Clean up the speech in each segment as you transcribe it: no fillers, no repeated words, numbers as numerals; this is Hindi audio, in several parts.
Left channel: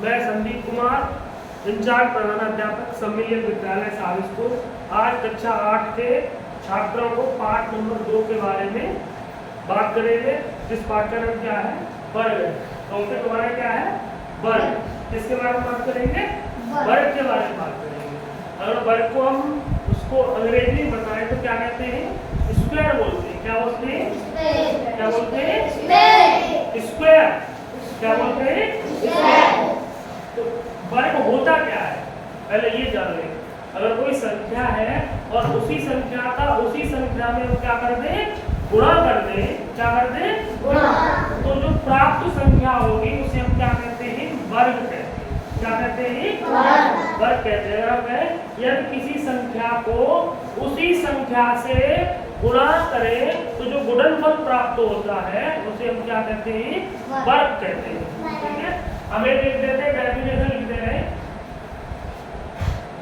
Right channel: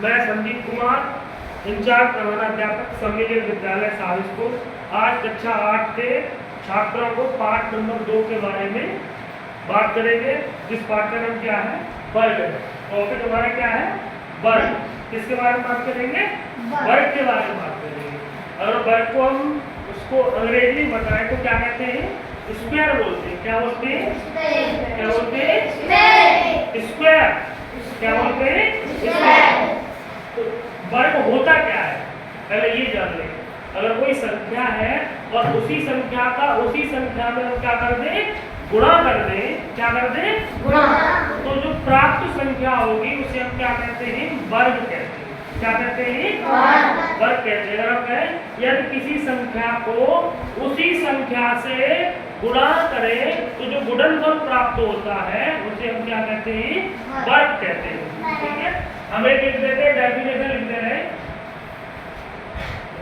मैं संदीप कुमार, इंचार्ज प्रधानाध्यापक सम्मिलित विद्यालय साविस्को, आज कक्षा 8 के छात्रों को पाठ नंबर 2 के बारे में बात करेंगे। जिस पाठ का नाम क्या है? वर्ग। टॉपिक हमारा क्या है? वर्ग। किसके बारे में बात करेंगे? वर्ग के बारे में बात करेंगे। अगर वर्ग को हम उसको अंग्रेजी में बताएं तो क्या कहते हैं? स्क्वायर बोलते हैं। क्या बोलते हैं? क्या बोलते हैं? स्क्वायर। क्या बोलते हैं? स्क्वायर। तो वर्ग होता क्या है पहले ये जान लें। अगर कोई संख्या है और उसी संख्या में हम क्या कर दें? गुणा कर दें। क्या कर दें? गुणा। तो जो प्राप्त संख्या होगी उसे हम क्या कहते हैं? वर्ग कहते हैं। क्या कहते हैं? वर्ग कहते हैं। अगर हम कहें यदि किसी संख्या को उसी संख्या से गुणा करें तो जो गुणनफल प्राप्त होता है उसे हम क्या कहते हैं? वर्ग कहते हैं। ठीक है, हम एक लिख देते हैं, डेफिनेशन लिख दे रहे हैं।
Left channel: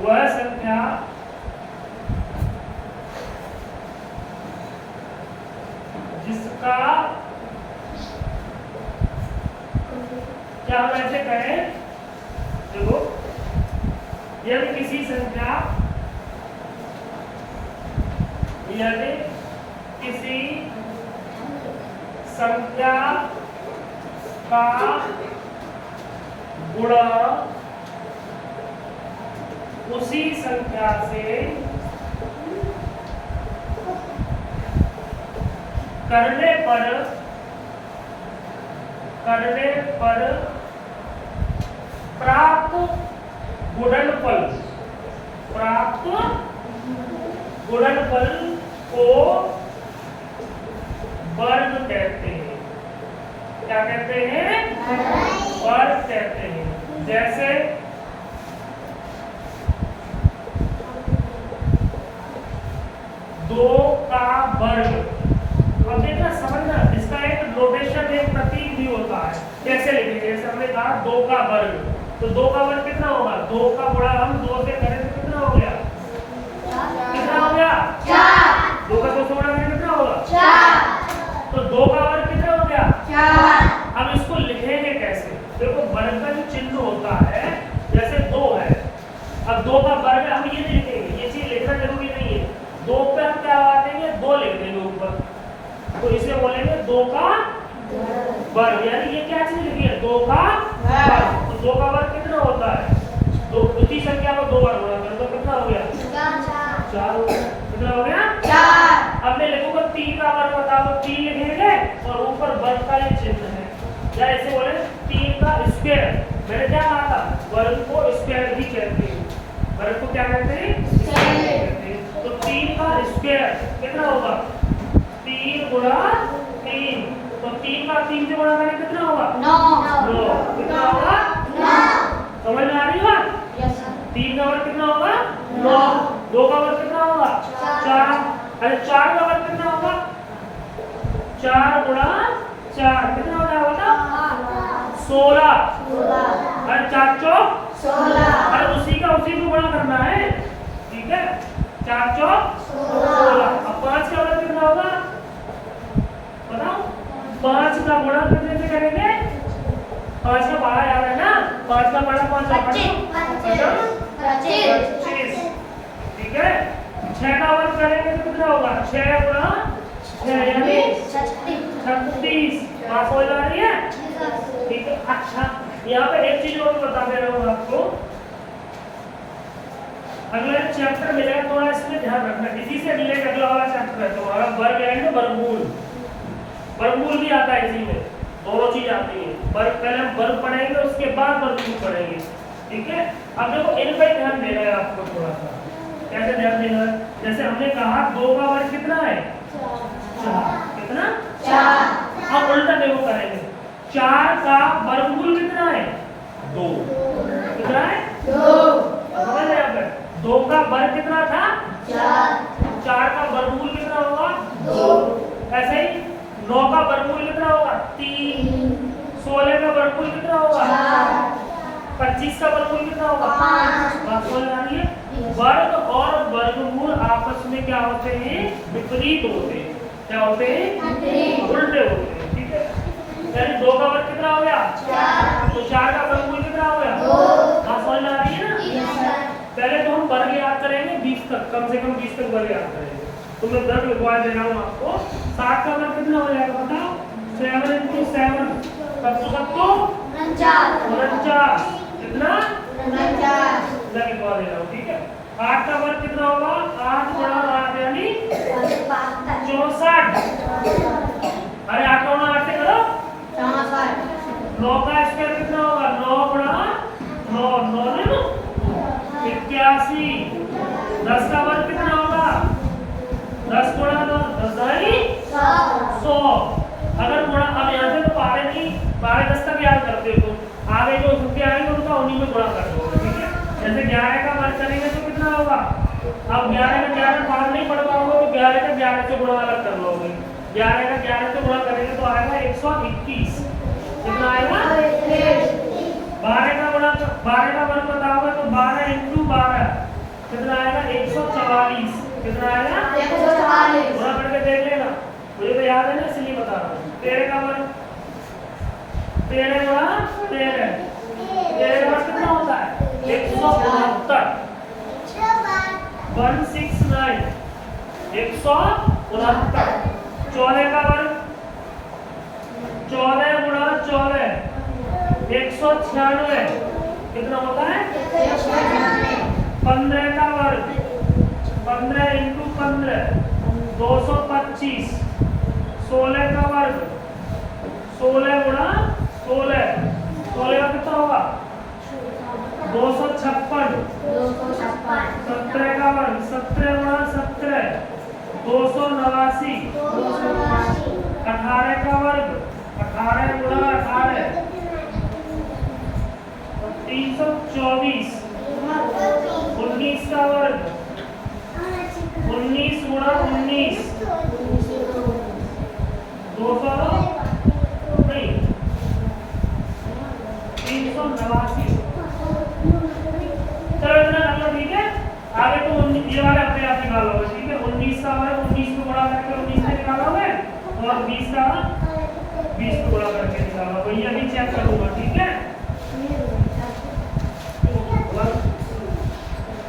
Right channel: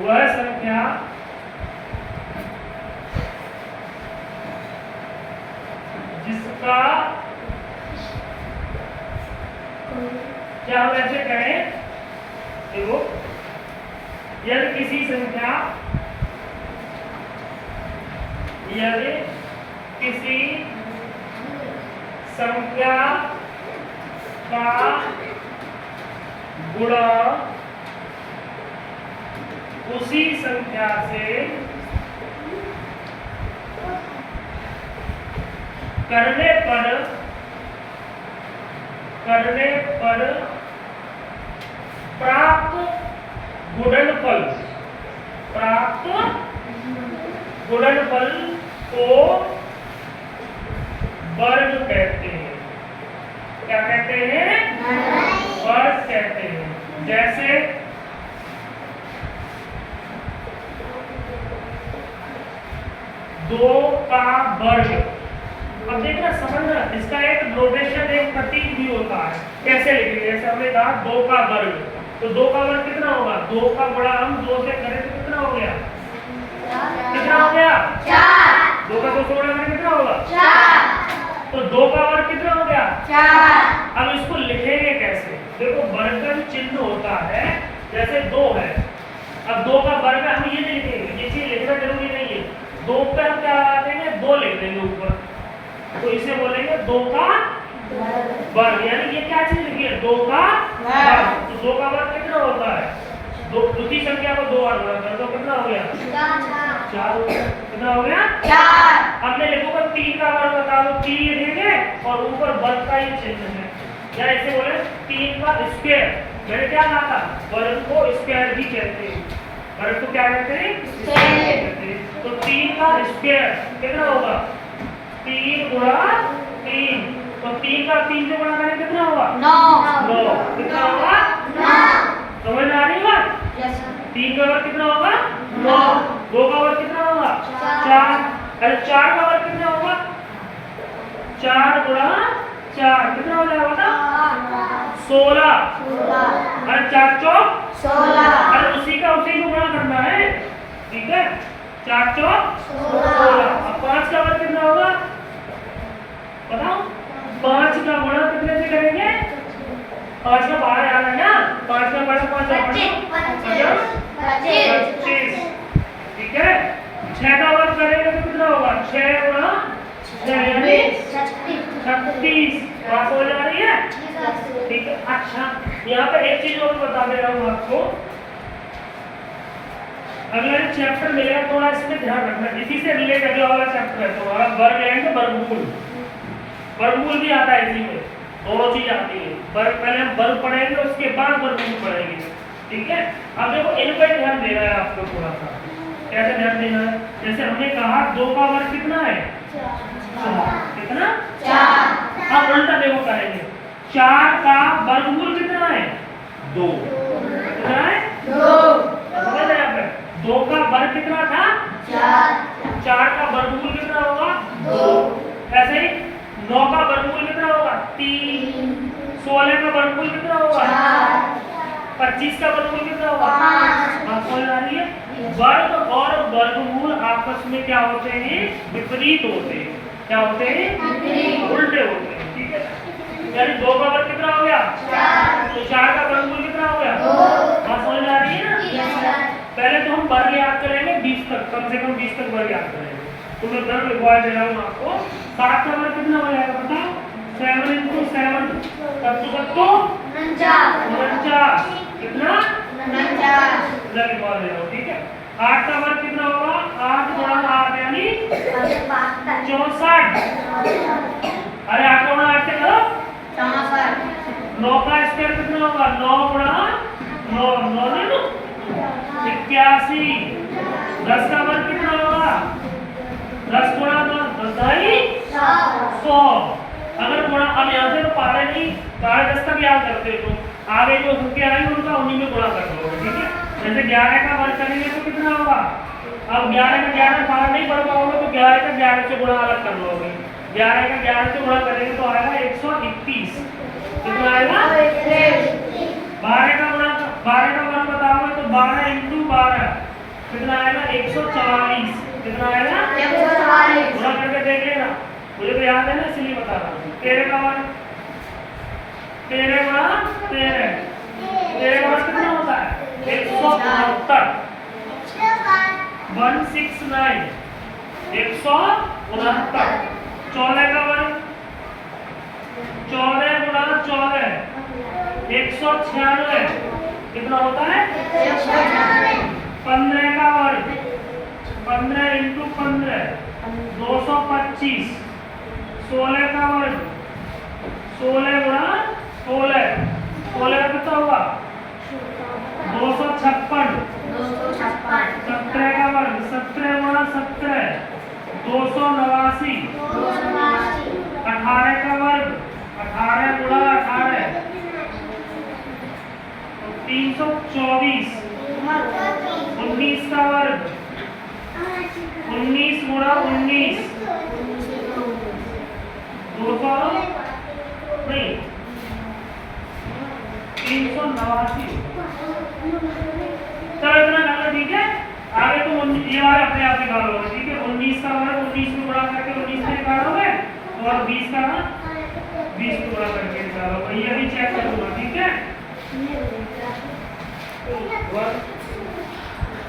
वह संख्या जिसका क्या हम ऐसे कहें, देखो यदि किसी संख्या का गुणा उसी संख्या से करने पर प्राप्त गुणनफल को वर्ग कहते हैं। क्या कहते हैं? वर्ग कहते हैं। जैसे 2 का वर्ग। अब देखना, समझना, इसका एक नोटेशन, एक प्रतीक भी होता है। कैसे लिखेंगे? जैसे हमने कहा 2 का वर्ग, तो 2 का वर्ग कितना होगा? 2 का गुणा हम 2 से करें तो कितना हो गया? कितना हो गया? 4। 2 का 2 से गुणा करें कितना होगा? 4। तो 2 का वर्ग कितना हो गया? 4। अब इसको लिखेंगे कैसे? देखो, वर्ग का जो चिन्ह होता है, जैसे 2 है, अब 2 का वर्ग हम ये नहीं लिखेंगे, ये चीज लिखना जरूरी नहीं है। 2 पे हम क्या लगा देंगे? 2 लिख देंगे ऊपर, तो इसे बोलेंगे 2 का वर्ग। यानी ये क्या चीज लिखी है? 2 का वर्ग। तो 2 का वर्ग कितना होता है? दूसरी संख्या को 2 बार गुणा कर तो कितना हो गया? 4 हो गया। कितना हो गया? 4। अब मैं लिखूंगा 3 का वर्ग, बता दो। 3 लिखेंगे और ऊपर वर्ग का ही चिन्ह है, या इसे बोले 3 का स्क्वायर। मैंने क्या कहा था? वर्ग को स्क्वायर भी कहते हैं। वर्ग को क्या कहते हैं? स्क्वायर। तो 3 का स्क्वायर कितना होगा? 3 गुणा 3। तो 3 का 3 से गुणा करें कितना होगा? 9। कितना होगा? 9। समझ में आ रही बात? 3 का वर्ग कितना होगा? 9। 2 का वर्ग कितना होगा? 4। अरे 4 का वर्ग कितना होगा? 4 गुणा 4 कितना हो जाएगा? 16। अरे 4 चौक 16। अरे उसी को गुणा करना है। ठीक है, 4 चौक 16। अब 5 का वर्ग कितना होगा? बताओ। 5 का गुणा कितने से करेंगे? 5 का 12 याद है ना? 5 का 12 25। ठीक है, 6 का वर्ग करेंगे तो कितना होगा? 6 गुणा 6 यानी 36। बात हो जा रही है? ठीक है। अच्छा, यहाँ पे एक चीज और बता दे रहा हूँ आपको। अगला चैप्टर मिलेगा, थोड़ा इसमें ध्यान रखना। इसी से रिलेटेड अगला वाला चैप्टर है तुम्हारा वर्ग एंड वर्गमूल। वर्गमूल भी आता है इसी में, दोनों चीज आती है। वर्ग पहले हम वर्ग पढ़ेंगे, उसके बाद वर्गमूल पढ़ेंगे। ठीक है, अब देखो इन पर ध्यान देना है आपको थोड़ा सा। कैसे ध्यान देना है? जैसे हमने कहा 2 का वर्ग कितना है? 4। कितना? 4। अब उल्टा देखो करेंगे, 4 का वर्गमूल कितना है? 2। कितना है? 2। समझ रहे हैं? 2 का वर्ग कितना था? 4। 4 का वर्गमूल कितना होगा? 2। ऐसे ही 9 का वर्गमूल कितना होगा? 3। 16 का वर्गमूल कितना होगा? 4। 25 का वर्गमूल कितना होगा? 5। बात समझ आ रही है? वर्ग और वर्गमूल आपस में क्या होते हैं? विपरीत होते हैं। क्या होते हैं? उल्टे होते हैं। ठीक है, यानी 2 का वर्ग कितना हो गया? 4। तो 4 का वर्गमूल कितना हो गया? से कम 20 तक वर्ग याद करेंगे। तो मैं वर्ग लिखवा दे रहा हूँ आपको। 7 का वर्ग कितना हो जाएगा बताओ? 7 × 7 तो 49 कितना 49 मैं लिखवा दे रहा हूँ, ठीक है। 8 का वर्ग कितना होगा? 8 × 8 यानी 64। अरे 8 × 8 से करो 9 का स्क्वायर कितना होगा? 9 × 9 9 9 81। 10 का वर्ग कितना होगा? 10 × 9 10 100। अगर गुणा अब यहाँ से तो पारे नहीं, पारे 10 तक याद करते हो तो आगे जो संख्या आएंगे उनका उन्हीं में गुणा कर दोगे, ठीक है। जैसे 11 का वर्ग करेंगे तो कितना होगा? अब 11 का 11 पार नहीं पढ़ पाओगे तो 11 का 11 से गुणा अलग कर लोगे। 11 का 11 से गुणा करेंगे तो आएगा 121। कितना आएगा? 12 का वर्ग बताओगे तो 12 × 12 कितना आएगा? 144। कितना आएगा? 144। गुणा करके देख लेना, मुझे तो याद है ना इसलिए बता रहा हूँ। 13 का वर्ग 13 × 13 कितना होता है? 169। 169 169। 14 का वर्ग 14 × 14 196 कितना होता है? 15 का वर्ग 15 × 15 225। 16 का वर्ग 16 × 16 16 का कितना होगा? 256। 17 का वर्ग 17 × 17 289। 18 का वर्ग 18 × 18 324। 19 का वर्ग 19 × 19 200 नहीं 389। चलो इतना कर लो, ठीक है। आगे तो ये वाले अपने आप निकालोगे, ठीक है। 19 का वर्ग 19 को गुणा करके 19 से निकालोगे और 20 का 20 को गुणा करके निकालोगे। ये भी चेक करूंगा, ठीक है।